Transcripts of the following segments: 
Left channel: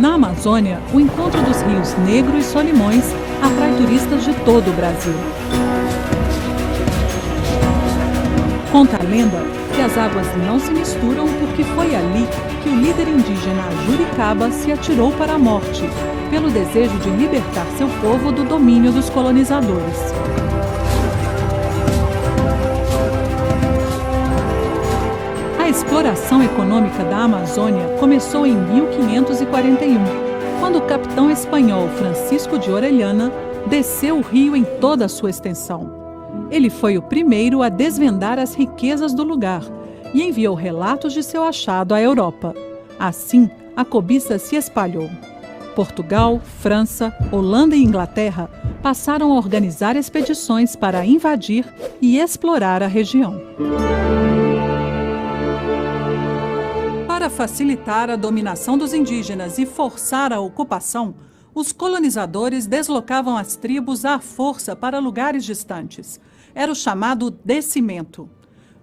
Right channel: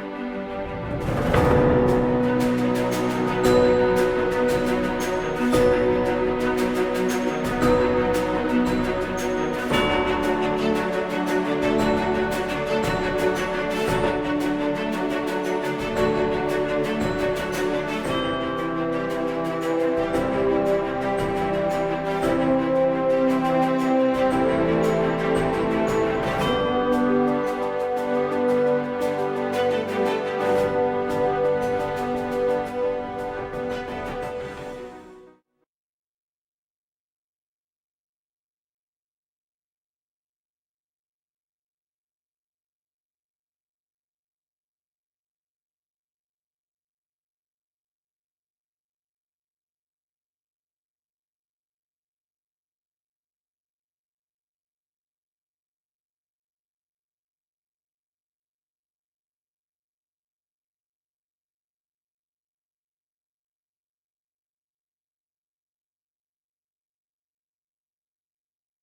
Na Amazônia, o encontro dos rios Negro e Solimões atrai turistas de todo o Brasil. Conta a lenda que as águas não se misturam porque foi ali que o líder indígena Juricaba se atirou para a morte, pelo desejo de libertar seu povo do domínio dos colonizadores. A exploração econômica da Amazônia começou em 1541, quando o capitão espanhol Francisco de Orellana desceu o rio em toda a sua extensão. Ele foi o primeiro a desvendar as riquezas do lugar e enviou relatos de seu achado à Europa. Assim, a cobiça se espalhou. Portugal, França, Holanda e Inglaterra passaram a organizar expedições para invadir e explorar a região. Para facilitar a dominação dos indígenas e forçar a ocupação, os colonizadores deslocavam as tribos à força para lugares distantes. Era o chamado descimento.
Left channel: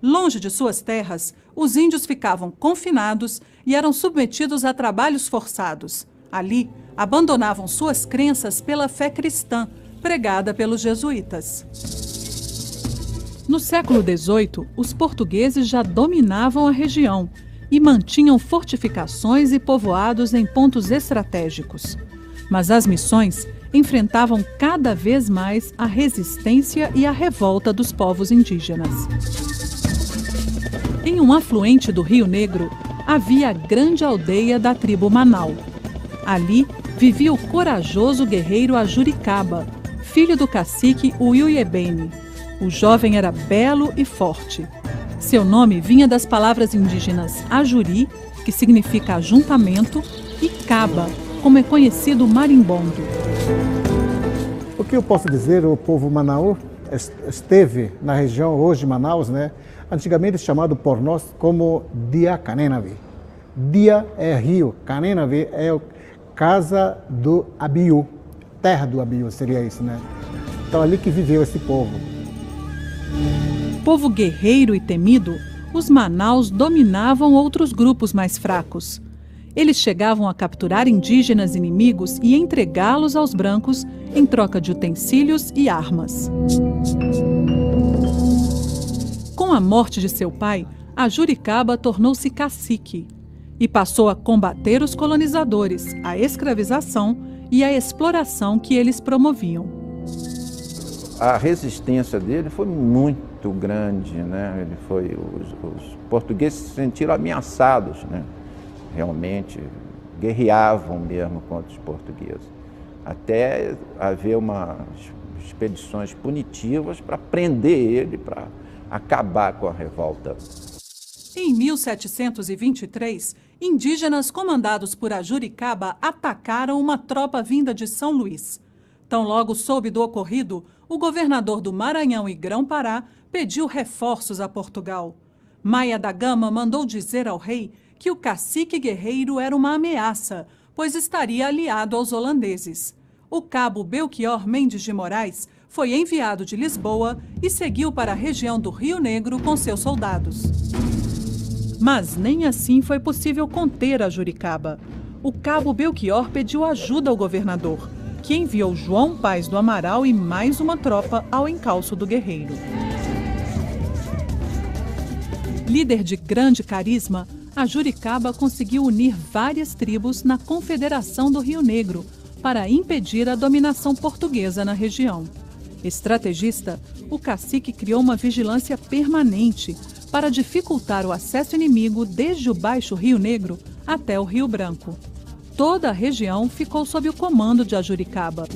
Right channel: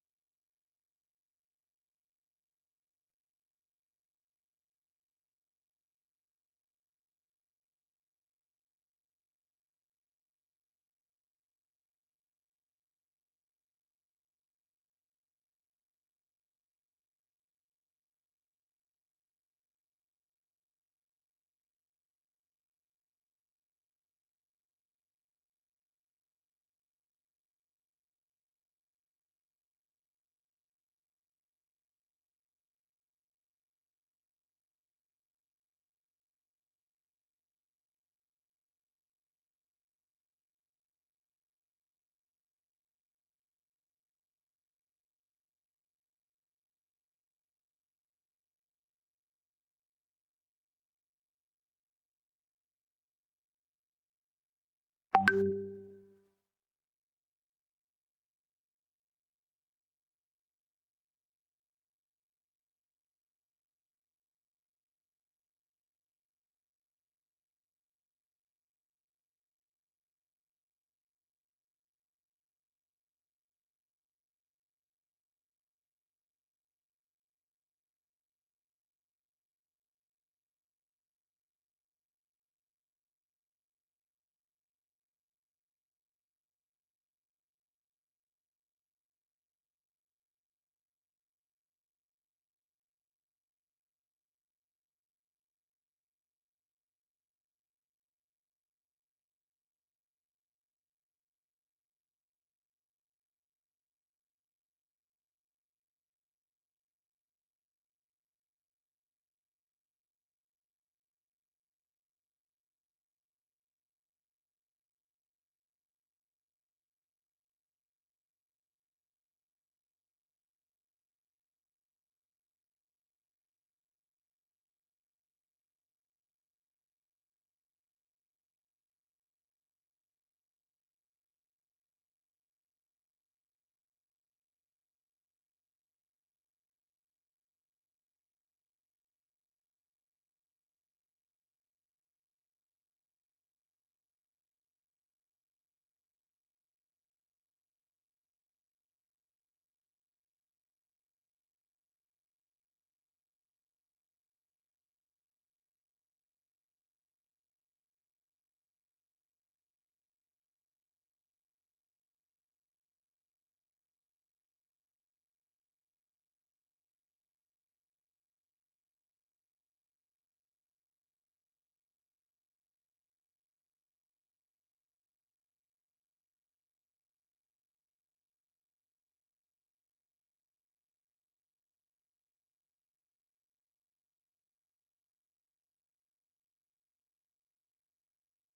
Longe de suas terras, os índios ficavam confinados e eram submetidos a trabalhos forçados. Ali, abandonavam suas crenças pela fé cristã, pregada pelos jesuítas. No século XVIII, os portugueses já dominavam a região e mantinham fortificações e povoados em pontos estratégicos. Mas as missões enfrentavam cada vez mais a resistência e a revolta dos povos indígenas. Em um afluente do Rio Negro, havia a grande aldeia da tribo Manau. Ali vivia o corajoso guerreiro Ajuricaba, filho do cacique Uiuiebene. O jovem era belo e forte. Seu nome vinha das palavras indígenas Ajuri, que significa ajuntamento, e Caba, como é conhecido o marimbondo. O que eu posso dizer, o povo Manau esteve na região hoje Manaus, né? Antigamente chamado por nós como Dia Canenavi. Dia é rio, Canenavi é casa do Abiú, terra do Abiú seria isso, né? Então ali que viveu esse povo. Povo guerreiro e temido, os Manaus dominavam outros grupos mais fracos. Eles chegavam a capturar indígenas inimigos e entregá-los aos brancos em troca de utensílios e armas. Com a morte de seu pai, Ajuricaba tornou-se cacique e passou a combater os colonizadores, a escravização e a exploração que eles promoviam. A resistência dele foi muito grande, né? Os portugueses se sentiram ameaçados, né? Realmente guerreavam mesmo contra os portugueses, até haver umas expedições punitivas para prender ele, para acabar com a revolta. Em 1723, indígenas comandados por Ajuricaba atacaram uma tropa vinda de São Luís. Tão logo soube do ocorrido, o governador do Maranhão e Grão-Pará pediu reforços a Portugal. Maia da Gama mandou dizer ao rei que o cacique guerreiro era uma ameaça, pois estaria aliado aos holandeses. O cabo Belchior Mendes de Moraes foi enviado de Lisboa e seguiu para a região do Rio Negro com seus soldados. Mas nem assim foi possível conter Ajuricaba. O cabo Belchior pediu ajuda ao governador, que enviou João Paz do Amaral e mais uma tropa ao encalço do guerreiro. Líder de grande carisma, Ajuricaba conseguiu unir várias tribos na Confederação do Rio Negro para impedir a dominação portuguesa na região. Estrategista, o cacique criou uma vigilância permanente para dificultar o acesso inimigo desde o Baixo Rio Negro até o Rio Branco. Toda a região ficou sob o comando de Ajuricaba.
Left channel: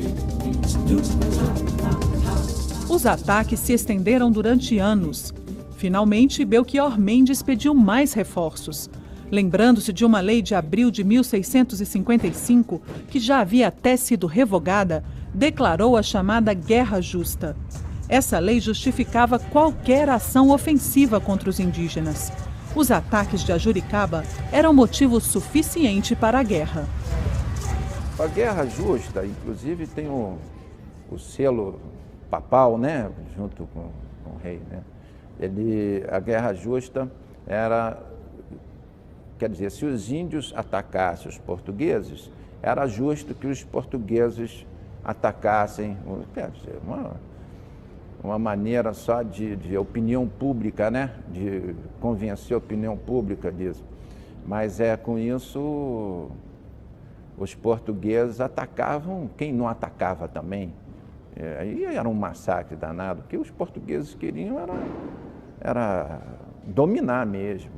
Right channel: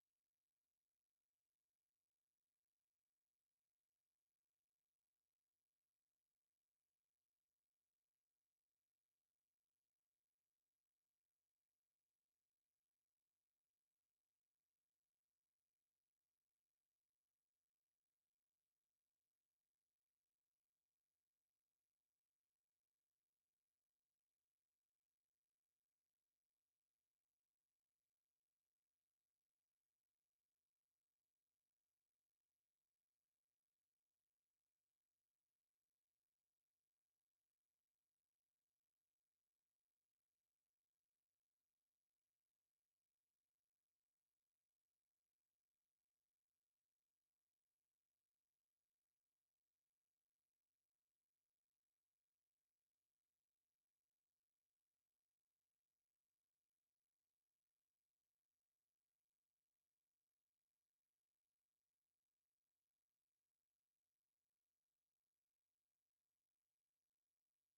Os ataques se estenderam durante anos. Finalmente, Belchior Mendes pediu mais reforços. Lembrando-se de uma lei de abril de 1655, que já havia até sido revogada, declarou a chamada Guerra Justa. Essa lei justificava qualquer ação ofensiva contra os indígenas. Os ataques de Ajuricaba eram motivo suficiente para a guerra. A Guerra Justa, inclusive, tem o selo papal, né, junto com o rei, né? A Guerra Justa era, quer dizer, se os índios atacassem os portugueses, era justo que os portugueses atacassem, uma maneira só de opinião pública, né? De convencer a opinião pública disso. Mas com isso os portugueses atacavam quem não atacava também. Aí era um massacre danado. O que os portugueses queriam era dominar mesmo,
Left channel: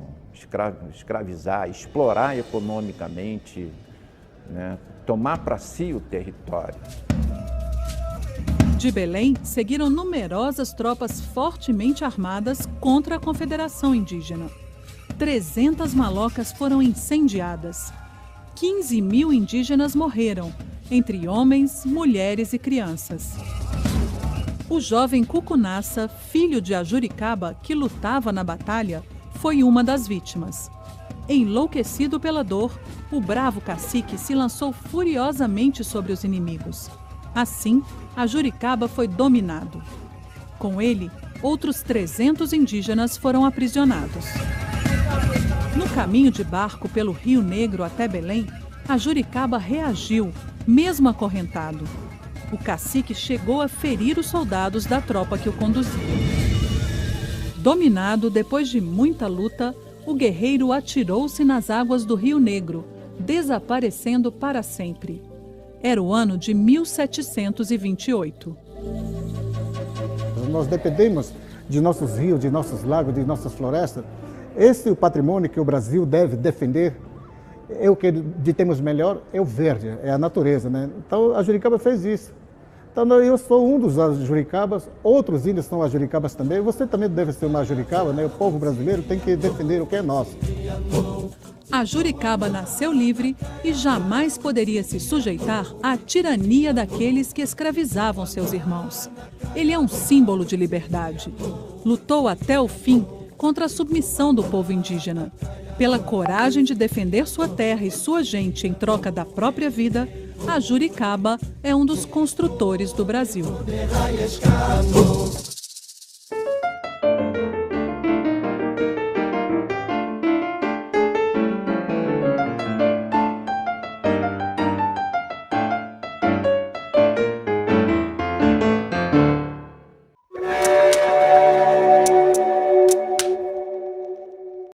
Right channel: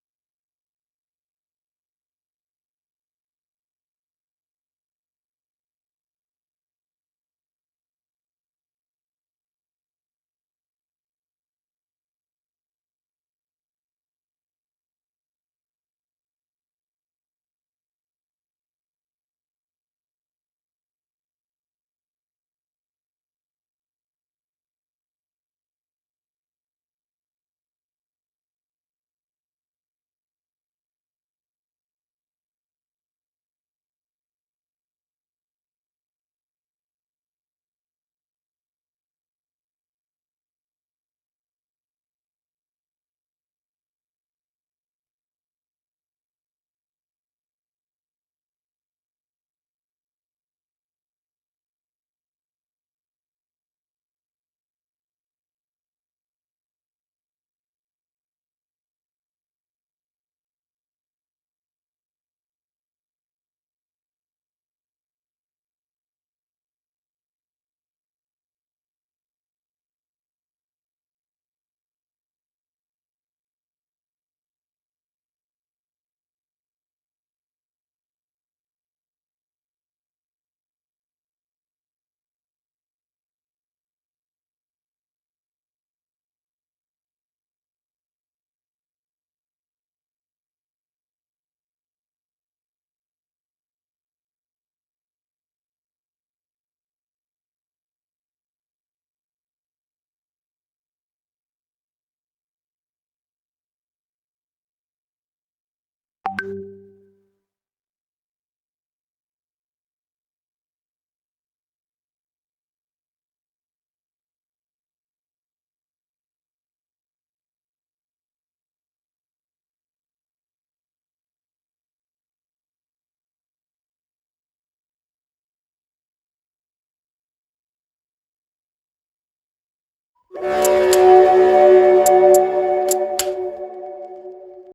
escravizar, explorar economicamente, né? Tomar para si o território. De Belém, seguiram numerosas tropas fortemente armadas contra a Confederação Indígena. 300 malocas foram incendiadas. 15 mil indígenas morreram, entre homens, mulheres e crianças. O jovem Cucunaça, filho de Ajuricaba, que lutava na batalha, foi uma das vítimas. Enlouquecido pela dor, o bravo cacique se lançou furiosamente sobre os inimigos. Assim, Ajuricaba foi dominado. Com ele, outros 300 indígenas foram aprisionados. No caminho de barco pelo Rio Negro até Belém, Ajuricaba reagiu, mesmo acorrentado. O cacique chegou a ferir os soldados da tropa que o conduzia. Dominado, depois de muita luta, o guerreiro atirou-se nas águas do Rio Negro, desaparecendo para sempre. Era o ano de 1728. Nós dependemos de nossos rios, de nossos lagos, de nossas florestas. Esse é o patrimônio que o Brasil deve defender. O que temos melhor é o verde, é a natureza, né? Então, a Ajuricaba fez isso. Então, eu sou um dos Ajuricabas, outros índios são Ajuricabas também. Você também deve ser uma Ajuricaba, né? O povo brasileiro tem que defender o que é nosso. Ajuricaba nasceu livre e jamais poderia se sujeitar à tirania daqueles que escravizavam seus irmãos. Ele é um símbolo de liberdade. Lutou até o fim contra a submissão do povo indígena. Pela coragem de defender sua terra e sua gente em troca da própria vida, Ajuricaba é um dos construtores do Brasil.